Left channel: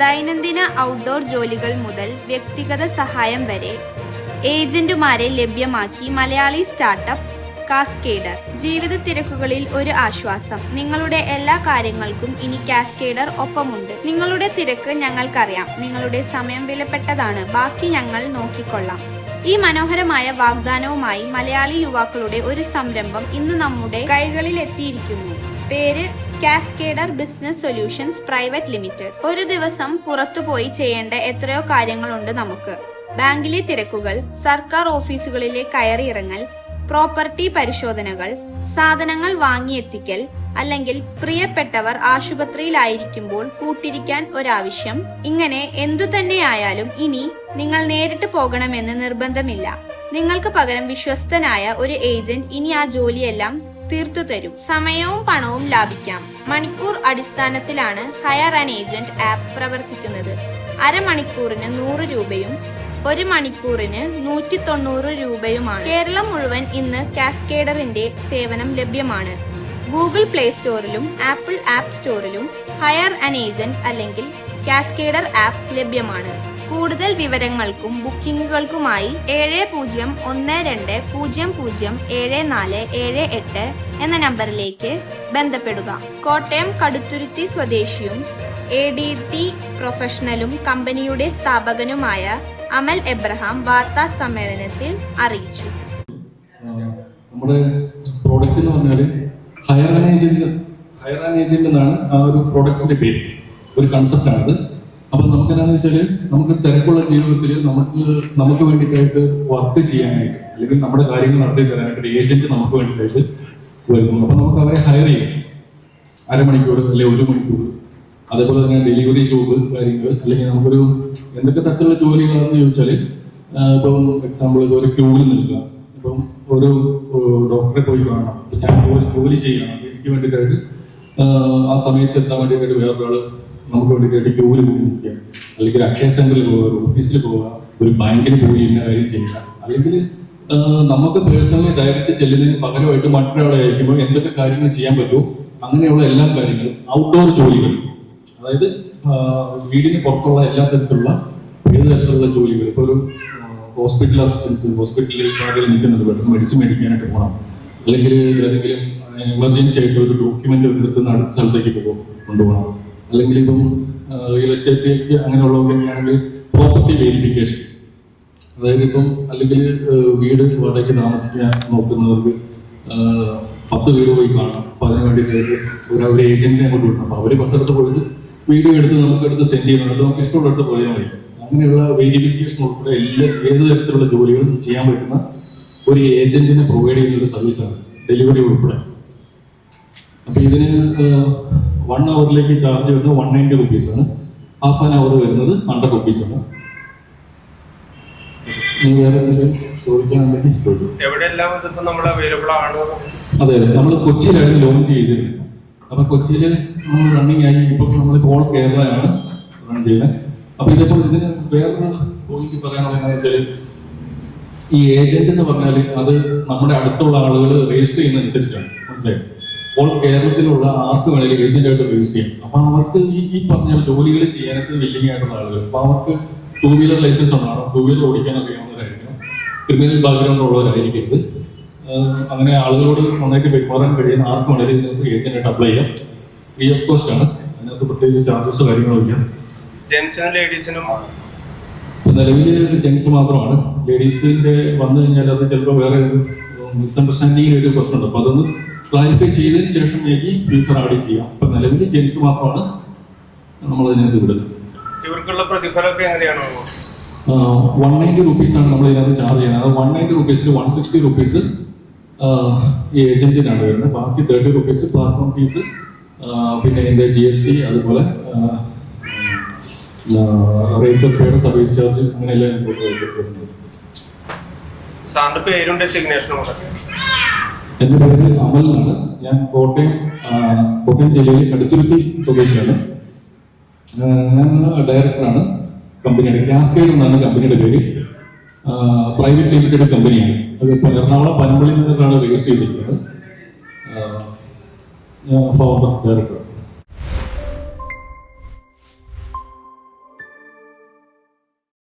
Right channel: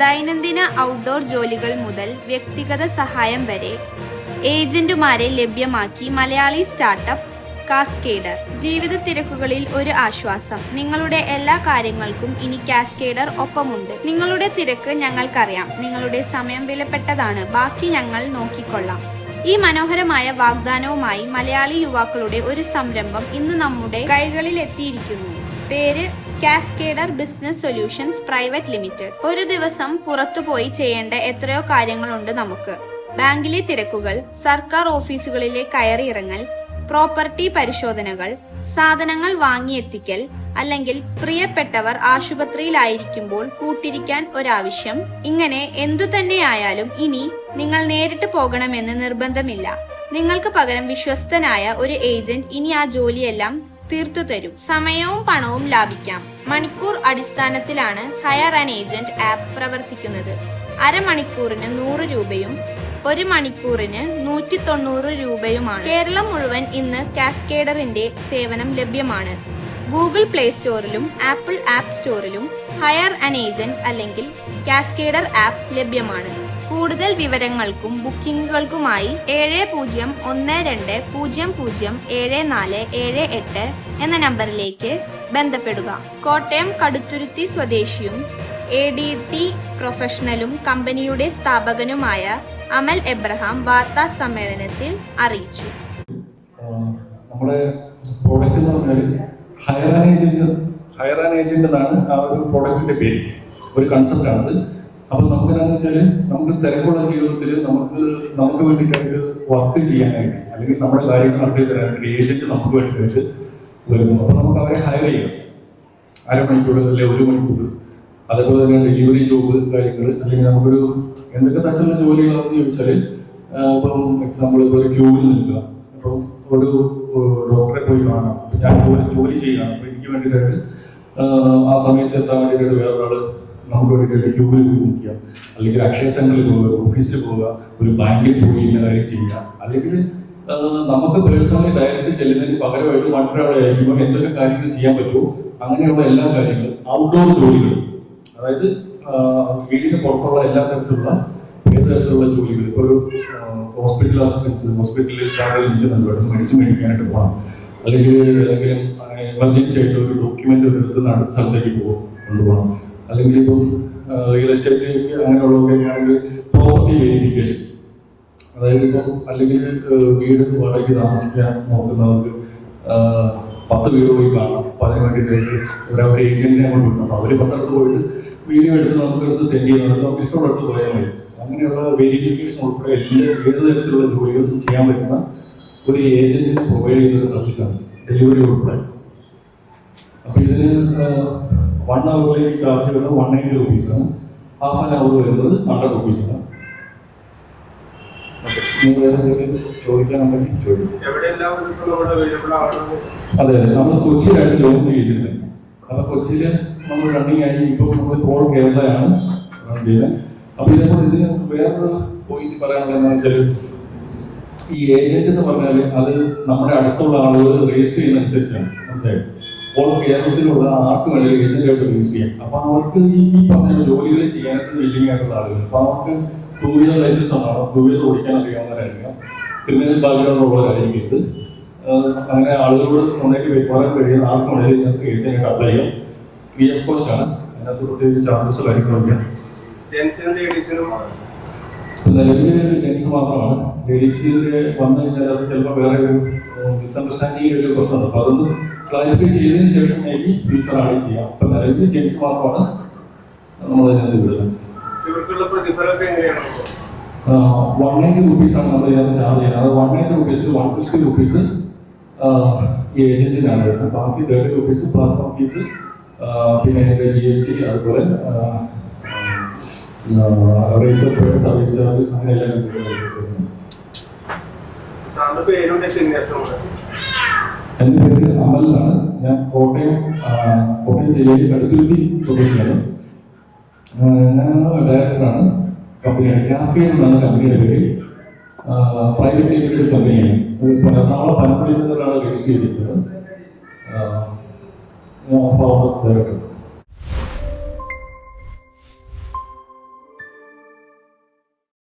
ദൈനംദിന ഔട്ട്ഡോർ ജോലികൾ മുതൽ വ്യക്തിഗത സഹായം വരെ ഏജന്റുമാരെ ലഭ്യമാക്കി മലയാളി സ്റ്റാർട്ടപ്പ് കാസ്കേഡർ. ജീവിത തിരക്കുകളിൽ ഒരു ആശ്വാസം. നിങ്ങളുടെ എല്ലാ കാര്യങ്ങൾക്കും ഇനി കാസ്കേഡർ ഒപ്പമുണ്ട്. നിങ്ങളുടെ തിരക്ക് ഞങ്ങൾക്കറിയാം. നിങ്ങളുടെ സമയം വിലപ്പെട്ടതാണ്. ബാക്കി ഞങ്ങൾ നോക്കിക്കൊള്ളാം. ഈ മനോഹരമായ വാഗ്ദാനവുമായി മലയാളി യുവാക്കളുടെ ഒരു സംരംഭം ഇന്ന് നമ്മുടെ കൈകളിൽ എത്തിയിരിക്കുന്നു. പേര് കാസ്കേഡർ ബിസിനസ് സൊല്യൂഷൻസ് പ്രൈവറ്റ് ലിമിറ്റഡ്. ഒരു ദിവസം പുറത്തുപോയി ചെയ്യേണ്ട എത്രയോ കാര്യങ്ങളുണ്ട് നമുക്ക്. ബാങ്കിലെ തിരക്കുകൾ, സർക്കാർ ഓഫീസുകളിലെ കയറിയിറങ്ങൽ, പ്രോപ്പർട്ടി പരിശോധനകൾ, സാധനങ്ങൾ വാങ്ങിയെത്തിക്കൽ, അല്ലെങ്കിൽ പ്രിയപ്പെട്ടവർ ആശുപത്രിയിലായിരിക്കുമ്പോൾ കൂട്ടിരിക്കാൻ ഒരാവശ്യം. ഇങ്ങനെ എന്തു തന്നെയായാലും ഇനി നിങ്ങൾ നേരിട്ട് പോകണമെന്ന് നിർബന്ധമില്ല. നിങ്ങൾക്ക് പകരം വിശ്വസ്തനായ ഒരു ഏജന്റ് ഇനി ആ ജോലിയെല്ലാം തീർത്തു തരും. സമയവും പണവും ലാഭിക്കാം. മണിക്കൂർ അടിസ്ഥാനത്തിലാണ് ഹയർ ആൻ ഏജന്റ് ആപ്പ് പ്രവർത്തിക്കുന്നത്. അരമണിക്കൂറിന് 100 രൂപയും 1 മണിക്കൂറിന് 190 രൂപയുമാണ്. കേരളം മുഴുവൻ ഇന്ന് കാസ്കേഡറിന്റെ സേവനം ലഭ്യമാണ്. ഗൂഗിൾ പ്ലേ സ്റ്റോറിലും ആപ്പിൾ ആപ്പ് സ്റ്റോറിലും ഹയർ ആൻ ഏജന്റ് അല്ലെങ്കിൽ കാസ്കേഡർ ആപ്പ് ലഭ്യമാണ്. കൂടുതൽ വിവരങ്ങൾക്കും ബുക്കിംഗുകൾക്കുമായി 7012007478 എന്ന നമ്പറിലേക്ക് ബന്ധപ്പെടുക. കോട്ടയം കടുത്തുരുത്തി സ്വദേശിയും ADT പ്രൊഫഷണലും കമ്പനിയുടെ സ്ഥാപകനുമായ അമൽ എബ്രഹാം വാർത്താ സമ്മേളനത്തിൽ അറിയിച്ചു. നമ്മുടെ പ്രോഡക്റ്റ് എന്ന് പറഞ്ഞാൽ ഹയർ ആൻ ഏജന്റ് എന്നാണ് ആ ഒരു പ്രോഡക്റ്റിന്റെ പേര്. ഒരു കൺസെപ്റ്റാണത്. അപ്പോൾ നമുക്ക് എന്താണെന്ന് വെച്ചാൽ നമുക്ക് തിരക്കുള്ള ജീവിതത്തിൽ നമുക്ക് വേണ്ടിയിട്ടായിട്ട് വർക്ക് ചെയ്യാനായിട്ട് അല്ലെങ്കിൽ നമ്മുടെ കാര്യങ്ങൾ നടത്തി തരാനായിട്ട് ഏജന്റ് നമുക്ക് വേണ്ടിയിട്ട് വരുന്നു. അപ്പോൾ നമുക്ക് അവരെ ഹയർ ചെയ്യാം. അരമണിക്കൂർ അല്ലെങ്കിൽ 1 മണിക്കൂർ. അതേപോലെ തന്നെ ഡെലിവറി ജോബ് കാര്യങ്ങൾ അല്ലെങ്കിൽ നമുക്കൊരു എന്തൊക്കെ തരത്തിലുള്ള ജോലികളാണെന്ന് ചോദിച്ചാൽ ഇപ്പം എക്സാമ്പിൾ ഇതുപോലെ ക്യൂവിൽ നിൽക്കുക. ഇപ്പം ഒരു ഡോക്ടറെ പോയി കാണാം. ഞാൻ ഒരു ജോലി ചെയ്യണം. അപ്പോൾ എനിക്ക് വേണ്ടിയിട്ടായിട്ട് ആ സമയത്ത് എത്താൻ വേണ്ടിയിട്ട് വേറൊരാൾ നമുക്ക് വേണ്ടിയിട്ട് ക്യൂവിൽ പോയി നിൽക്കുക, അല്ലെങ്കിൽ അക്ഷയ സെന്ററിൽ പോവുക, ഓഫീസിൽ പോവുക, ഒരു ബാങ്കിൽ പോയി ഇന്ന കാര്യം ചെയ്യുക, അല്ലെങ്കിൽ നമുക്ക് പേഴ്സണലി ഡയറക്റ്റ് ചെല്ലുന്നതിന് പകരമായിട്ട് മറ്റൊരാളെ അയക്കുമ്പോൾ എന്തൊക്കെ കാര്യങ്ങൾ ചെയ്യാൻ പറ്റുമോ അങ്ങനെയുള്ള എല്ലാ കാര്യങ്ങളും ഔട്ട്ഡോർ ജോലികൾ, അതായത് വീടിന് പുറത്തുള്ള എല്ലാ തരത്തിലുള്ള ഏത് തരത്തിലുള്ള ജോലികൾ. ഇപ്പോൾ ഒരു ഹോസ്പിറ്റൽ അസിസ്റ്റൻസ്, ഹോസ്പിറ്റലിൽ കാർഡിൽ നിൽക്കുന്നത് വേണം, മെഡിസിൻ മേടിക്കാനായിട്ട് പോകണം, അല്ലെങ്കിൽ ഏതെങ്കിലും എമർജൻസി ആയിട്ട് ഒരു ഡോക്യുമെന്റ് എടുത്ത് അടുത്ത സ്ഥലത്തേക്ക് കൊണ്ടുപോകണം, അല്ലെങ്കിൽ ഇപ്പം റിയൽ എസ്റ്റേറ്റിലേക്ക് അങ്ങനെയുള്ളവർക്ക് ആണെങ്കിൽ പ്രോപ്പർട്ടി വെരിഫിക്കേഷൻ, അതായത് ഇപ്പം അല്ലെങ്കിൽ വീട് വാടകയ്ക്ക് താമസിക്കാൻ നോക്കുന്നവർക്ക് 10 വീട് പോയി കാണാം. അപ്പോൾ അതിന് വേണ്ടിയിട്ട് ഒരു ഏജന്റിനെ കൊണ്ട് വിടണം. അപ്പോൾ അവർ 10 പോയിട്ട് വീഡിയോ എടുത്ത് നമുക്കെടുത്ത് സെൻഡ് ചെയ്യുന്നുണ്ട്. നമുക്ക് ഇഷ്ടമുള്ളിടത്ത് പോയാൽ മതി. അങ്ങനെയുള്ള വെരിഫിക്കേഷൻ ഉൾപ്പെടെ ഏത് തരത്തിലുള്ള ജോലികളും ചെയ്യാൻ പറ്റുന്ന ഒരു ഏജന്റിനെ പ്രൊവൈഡ് ചെയ്യുന്ന ഒരു സർവീസാണ് ഡെലിവറി ഉൾപ്പെടെ. അപ്പോൾ ഇതിന് 1 അവറിലേക്ക് ചാർജ് വരുന്നത് 190 റുപ്പീസാണ്. ഹാഫ് ആൻ അവർ വരുന്നത് 100 റുപ്പീസാണ്. നിങ്ങൾ ഏതെങ്കിലും ചോദിക്കാനുണ്ടെങ്കിൽ ചോദിക്കും. അതെ, നമ്മൾ കൊച്ചിയിലായിട്ട് ലോഞ്ച് ചെയ്തിട്ടുണ്ട്. അപ്പോൾ കൊച്ചിയിൽ നമ്മൾ റണ്ണിങ് ആയി ഇപ്പം നമ്മൾ ഓൾ കേരളയാണ് റൺ ചെയ്യുന്നത്. അപ്പോൾ ഇതിപ്പോൾ ഇതിന് വേറൊരു പോയിന്റ് പറയാനുള്ളതെന്ന് വെച്ചാൽ ഈ ഏജന്റ് എന്ന് പറഞ്ഞാൽ അത് നമ്മുടെ അടുത്തുള്ള ആളുകൾ രജിസ്റ്റർ ചെയ്യുന്നതനുസരിച്ചാണ്. മനസ്സിലായി? ഓൾ കേരളത്തിലുള്ള ആർക്ക് വേണമെങ്കിലും ഏജന്റായിട്ട് രജിസ്റ്റർ ചെയ്യാം. അപ്പോൾ അവർക്ക് ഈ പറഞ്ഞ ജോലികൾ ചെയ്യാനായിട്ട് വില്ലിങ് ആയിട്ടുള്ള ആളുകൾ, അപ്പോൾ അവർക്ക് 2 വീലർ ലൈസൻസ് ഉണ്ടാവണം, 2 വീലർ ഓടിക്കാൻ അറിയാവുന്നവരായിരിക്കണം, ക്രിമിനൽ ബാക്ക്ഗ്രൗണ്ട് ഉള്ളവരായിരിക്കരുത്. അങ്ങനെ ആളുകളോട് നന്നായിട്ട് പെരുമാറാൻ കഴിയുന്ന ആർക്കും വേണമെങ്കിൽ നിങ്ങൾക്ക് ഏജന്റായിട്ട് അപ്ലൈ ചെയ്യാം. ഫ്രീ ഓഫ് കോസ്റ്റ് ആണ്. അതിനകത്ത് പ്രത്യേകിച്ച് ചാർജസ് കാര്യങ്ങളൊക്കെ. നിലവിൽ ജെൻസ് മാത്രമാണ്. ലേഡീസിന്റെ വന്നു കഴിഞ്ഞാൽ അത് ചിലപ്പോൾ വേറെ മിസ്അണ്ടർസ്റ്റാൻഡിങ്ങിൽ ഒരു പ്രശ്നമുണ്ട്. അപ്പോൾ അതൊന്ന് ക്ലാരിഫൈ ചെയ്തതിന് ശേഷം എനിക്ക് ഫ്യൂച്ചർ ആഡ് ചെയ്യാം. അപ്പം നിലവിൽ ജെൻസ് മാത്രമാണ് നമ്മൾ ഇതിനകത്ത് വിടുന്നത്. 190 റുപ്പീസാണ് നമ്മൾ ഇതിനകത്ത് ചാർജ് ചെയ്യുന്നത്. അത് 190 റുപ്പീസിൽ 160 റുപ്പീസ് ഈ ഏജന്റിനാണ് വരുന്നത്. ബാക്കി 30 റുപ്പീസ് പ്ലാറ്റ്ഫോം ഫീസ്, പിന്നെ ഇതിൻ്റെ GST, അതുപോലെ രജിസ്റ്റർ ഫീയുടെ സർവീസ് ചാർജ്, അങ്ങനെയെല്ലാം. എൻ്റെ പേര് അമൽ എന്നാണ്. ഞാൻ കോട്ടയം ജില്ലയിലെ കടുത്തുരുത്തി സ്വദേശിയാണ്. ഞാൻ ഡയറക്ടറാണ് കമ്പനിയുടെ. കാസ്കേഡ് എന്നാണ് കമ്പനിയുടെ പേര്. പ്രൈവറ്റ് ലിമിറ്റഡ് കമ്പനിയാണ്. എറണാകുളം പനമ്പള്ളി നിന്നാണ് രജിസ്റ്റർ ചെയ്തിരിക്കുന്നത്. ഞാൻ ഫൗണ്ടർ ഡയറക്ടർ.